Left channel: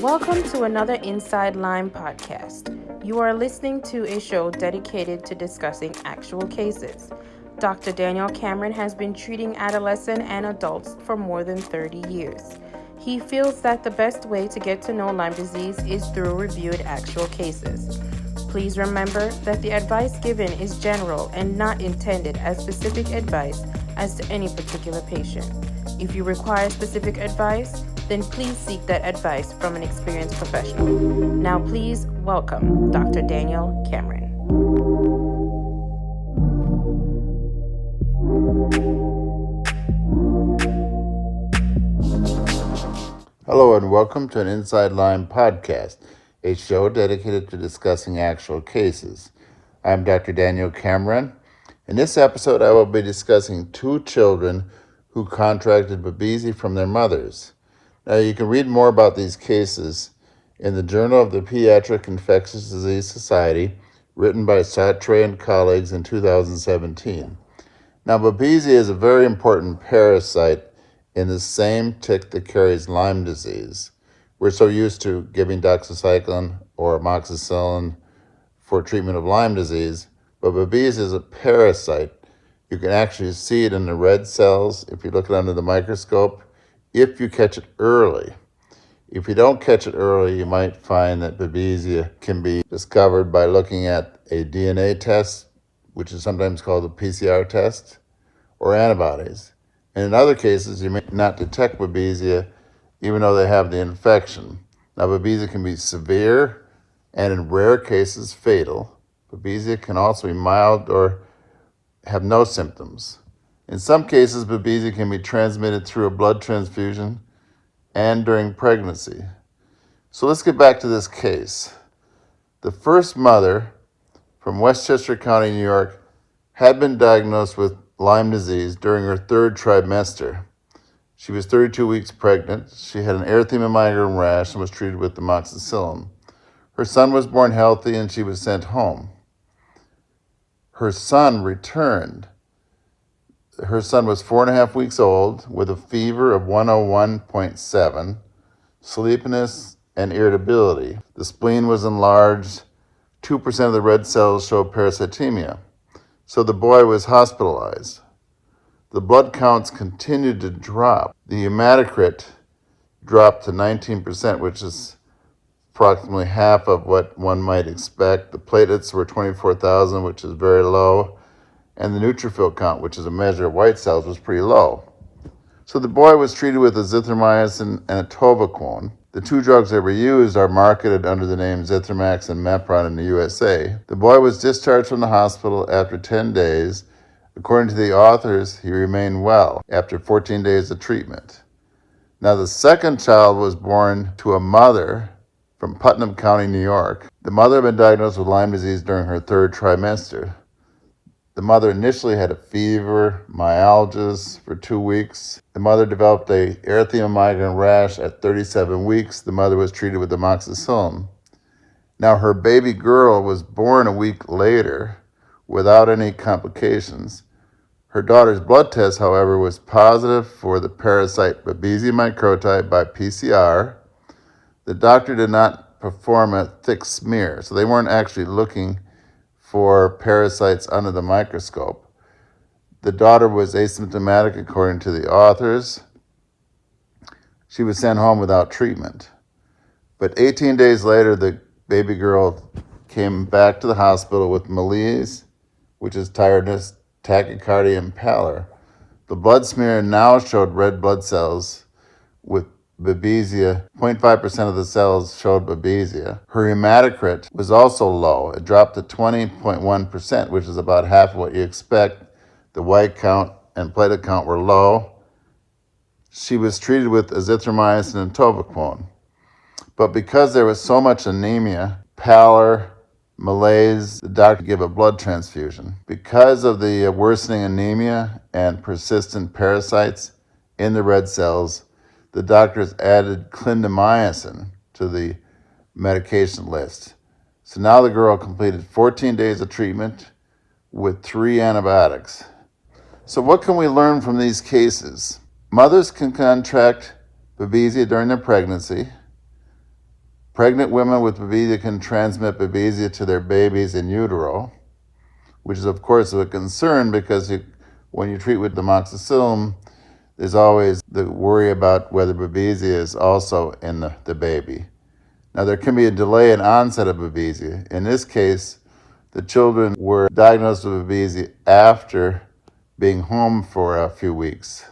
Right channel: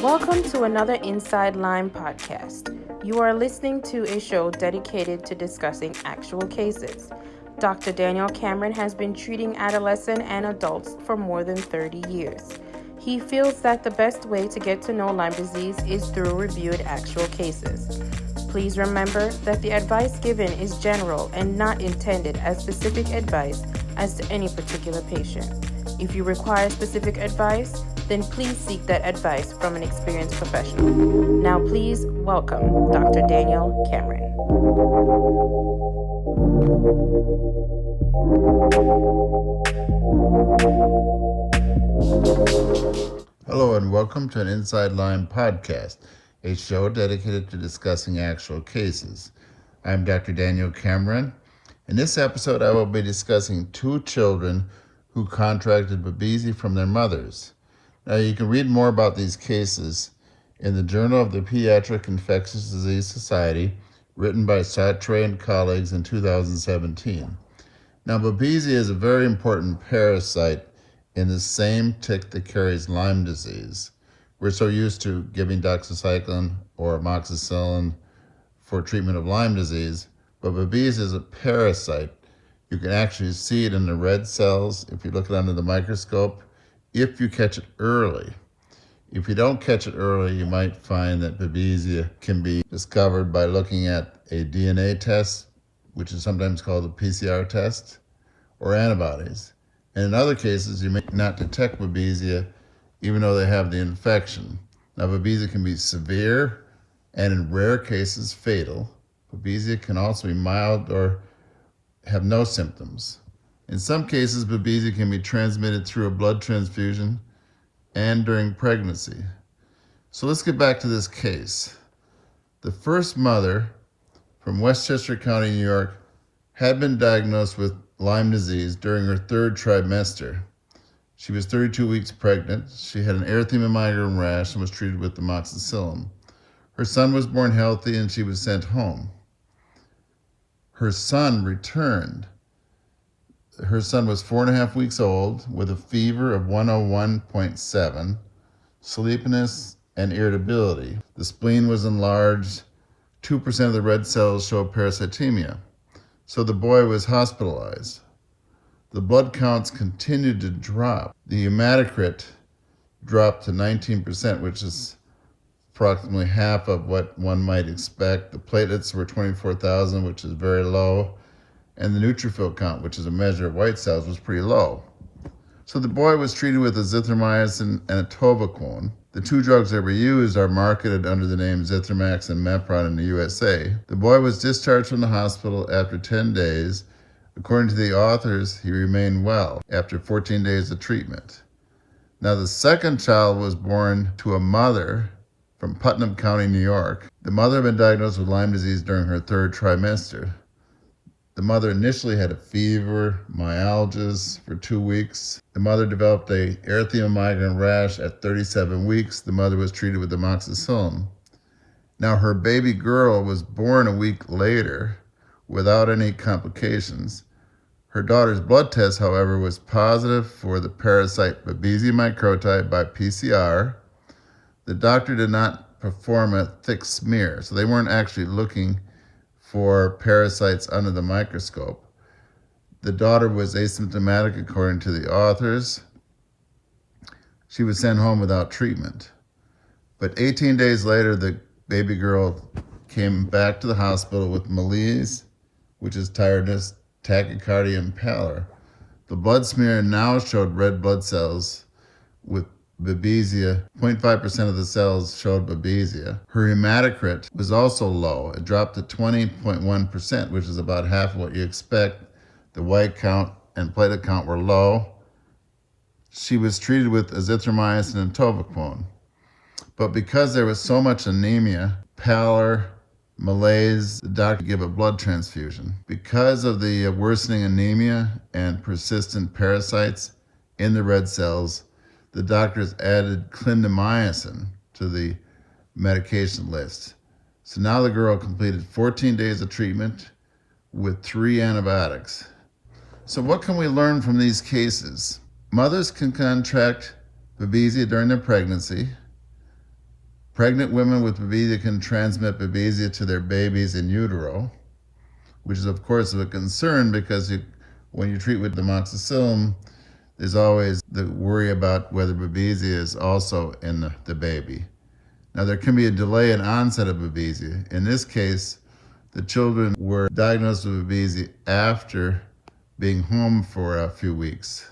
Welcome to another Inside Lyme podcast. You are listening to a show dedicated to discussing actual cases. Dr. Daniel Cameron has been treating adolescents and adults for more than 30 years. He feels that the best way to get to know Lyme disease is through reviewed actual cases. Please remember that the advice given is general and not intended as specific advice as to any particular patient. If you require specific advice, then please seek that advice from an experienced professional. Now please welcome Dr. Daniel Cameron. Hello and welcome to an Inside Lyme podcast, a show dedicated to discussing actual cases. I'm Dr. Daniel Cameron. In this episode, I will be discussing two children who contracted Babesia from their mothers. Now, you can read more about these cases in the Journal of the Pediatric Infectious Disease Society, written by Sartre and colleagues in 2017. Now, Babesia is a very important parasite in the same tick that carries Lyme disease. We're so used to giving doxycycline or amoxicillin for treatment of Lyme disease, but Babesia is a parasite. You can actually see it in the red cells if you look it under the microscope, if you catch it early. If you don't catch it early, you might find that Babesia can be discovered by looking at a DNA test, which is sometimes called a PCR test, or antibodies. And in other cases, you may not detect Babesia even though they have the infection. Now, Babesia can be severe and in rare cases fatal. Babesia can also be mild or have no symptoms. In some cases, Babesia can be transmitted through a blood transfusion and during pregnancy. So let's get back to this case. The first mother from Westchester County, New York, had been diagnosed with Lyme disease during her third trimester. She was 32 weeks pregnant. She had an erythema migrans rash and was treated with amoxicillin. Her son was born healthy and she was sent home. Her son returned. Her son was 4.5 weeks old with a fever of 101.7, sleepiness, and irritability. The spleen was enlarged. 2% of the red cells showed parasitemia. So the boy was hospitalized. The blood counts continued to drop. The hematocrit dropped to 19%, which is approximately half of what one might expect. The platelets were 24,000, which is very low. And the neutrophil count, which is a measure of white cells, was pretty low. So the boy was treated with azithromycin and atovaquone. The two drugs that were used are marketed under the name Zithromax and Mepron in the USA. The boy was discharged from the hospital after 10 days. According to the authors, he remained well after 14 days of treatment. Now, the second child was born to a mother from Putnam County, New York. The mother had been diagnosed with Lyme disease during her third trimester. The mother initially had a fever, myalgias for 2 weeks. The mother developed a erythema migrans rash at 37 weeks. The mother was treated with amoxicillin. Now, her baby girl was born a week later without any complications. Her daughter's blood test, however, was positive for the parasite Babesia microti by PCR. The doctor did not perform a thick smear, so they weren't actually looking for parasites under the microscope. The daughter was asymptomatic according to the authors. She was sent home without treatment. But 18 days later, the baby girl came back to the hospital with malaise, which is tiredness, tachycardia, and pallor. The blood smear now showed red blood cells with Babesia. 0.5% of the cells showed Babesia. Her hematocrit was also low. It dropped to 20.1%, which is about half of what you expect. The white count and platelet count were low. She was treated with azithromycin and atovaquone. But because there was so much anemia, pallor, malaise, the doctor gave a blood transfusion. Because of the worsening anemia and persistent parasites in the red cells, the doctors added clindamycin to the medication list. So now the girl completed 14 days of treatment with 3 antibiotics. So what can we learn from these cases? Mothers can contract Babesia during their pregnancy. Pregnant women with Babesia can transmit Babesia to their babies in utero, which is of course a concern because when you treat with amoxicillin, there's always the worry about whether Babesia is also in the baby. Now, there can be a delay in onset of Babesia. In this case, the children were diagnosed with Babesia after being home for a few weeks.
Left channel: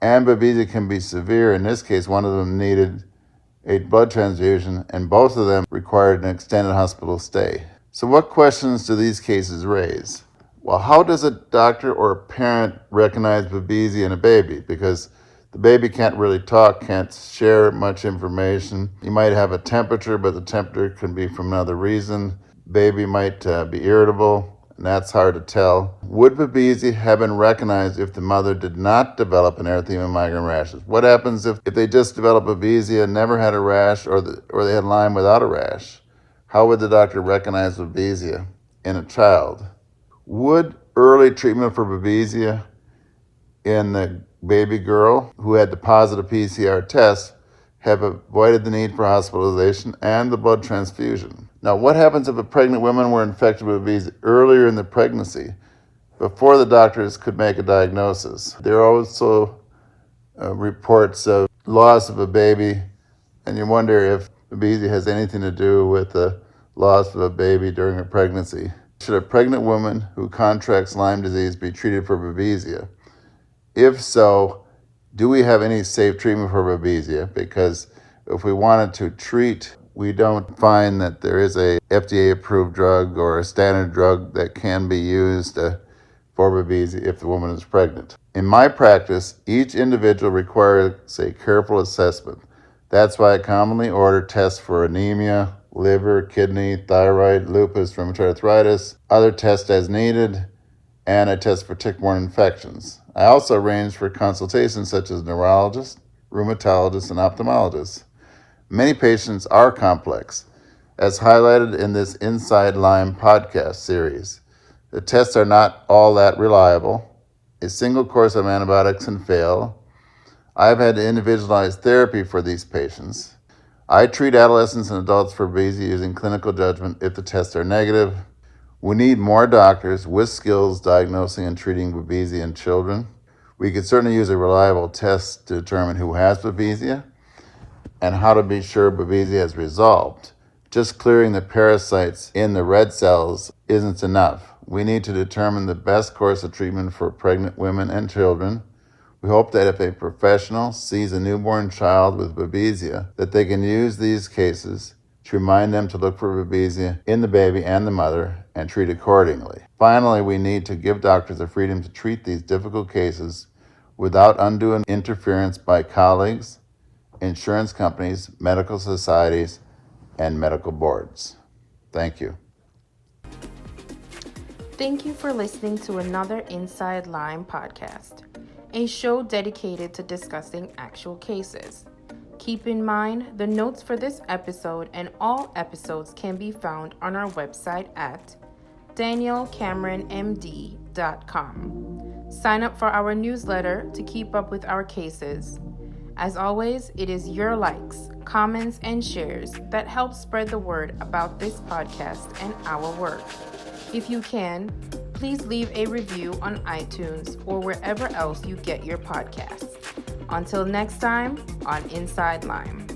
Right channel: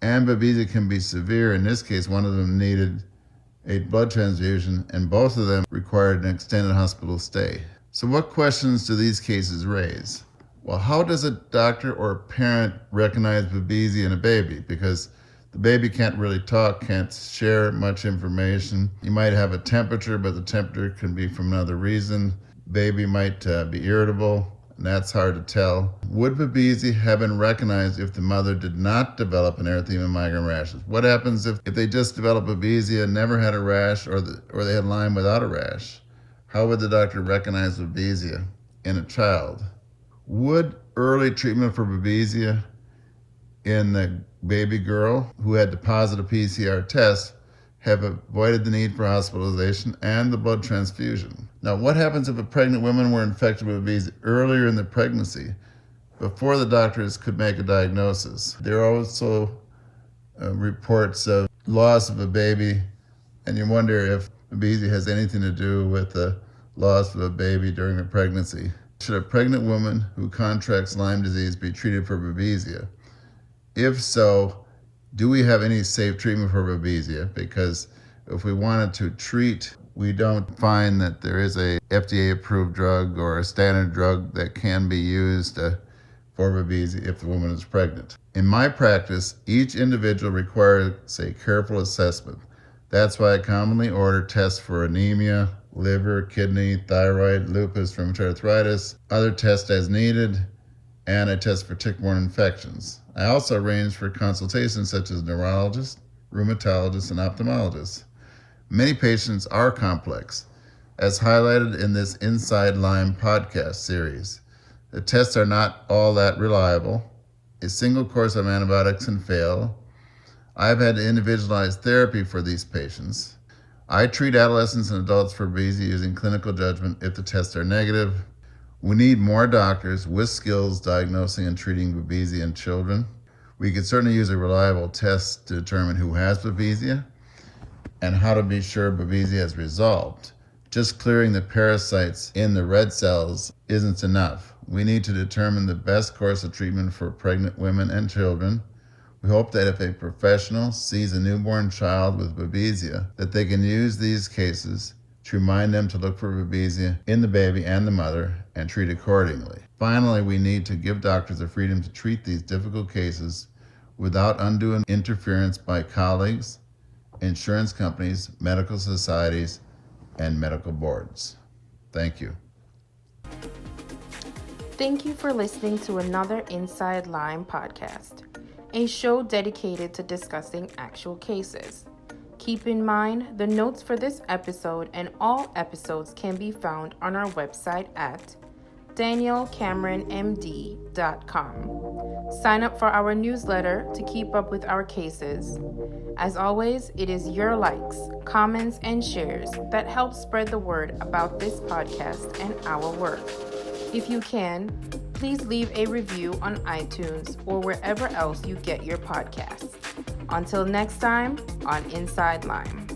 And Babesia can be severe. In this case, one of them needed a blood transfusion, and both of them required an extended hospital stay. So what questions do these cases raise? Well, how does a doctor or a parent recognize Babesia in a baby? Because the baby can't really talk, can't share much information. You might have a temperature, but the temperature can be from another reason. Baby might be irritable, and that's hard to tell. Would Babesia have been recognized if the mother did not develop an erythema migrans rashes? What happens if they just developed Babesia, never had a rash, or they had Lyme without a rash? How would the doctor recognize Babesia in a child? Would early treatment for Babesia in the baby girl who had the positive PCR test have avoided the need for hospitalization and the blood transfusion? Now, what happens if a pregnant woman were infected with Babesia earlier in the pregnancy, before the doctors could make a diagnosis? There are also reports of loss of a baby, and you wonder if Babesia has anything to do with the loss of a baby during a pregnancy. Should a pregnant woman who contracts Lyme disease be treated for Babesia? If so, do we have any safe treatment for Babesia? Because if we wanted to treat, we don't find that there is a FDA-approved drug or a standard drug that can be used for Babesia if the woman is pregnant. In my practice, each individual requires a careful assessment. That's why I commonly order tests for anemia, liver, kidney, thyroid, lupus, rheumatoid arthritis, other tests as needed, and I test for tick-borne infections. I also arrange for consultations such as neurologists, rheumatologists, and ophthalmologists. Many patients are complex, as highlighted in this Inside Lyme podcast series. The tests are not all that reliable. A single course of antibiotics can fail. I've had individualized therapy for these patients. I treat adolescents and adults for Babesia using clinical judgment if the tests are negative. We need more doctors with skills diagnosing and treating Babesia in children. We could certainly use a reliable test to determine who has Babesia and how to be sure Babesia has resolved. Just clearing the parasites in the red cells isn't enough. We need to determine the best course of treatment for pregnant women and children. We hope that if a professional sees a newborn child with Babesia, that they can use these cases to remind them to look for Babesia in the baby and the mother and treat accordingly. Finally, we need to give doctors the freedom to treat these difficult cases without undue interference by colleagues, insurance companies, medical societies, and medical boards. Thank you. Thank you for listening to another Inside Lyme podcast, a show dedicated to discussing actual cases. Keep in mind, the notes for this episode and all episodes can be found on our website at danielcameronmd.com. Sign up for our newsletter to keep up with our cases. As always, it is your likes, comments, and shares that help spread the word about this podcast and our work. If you can, please leave a review on iTunes or wherever else you get your podcasts. Until next time on Inside Lyme.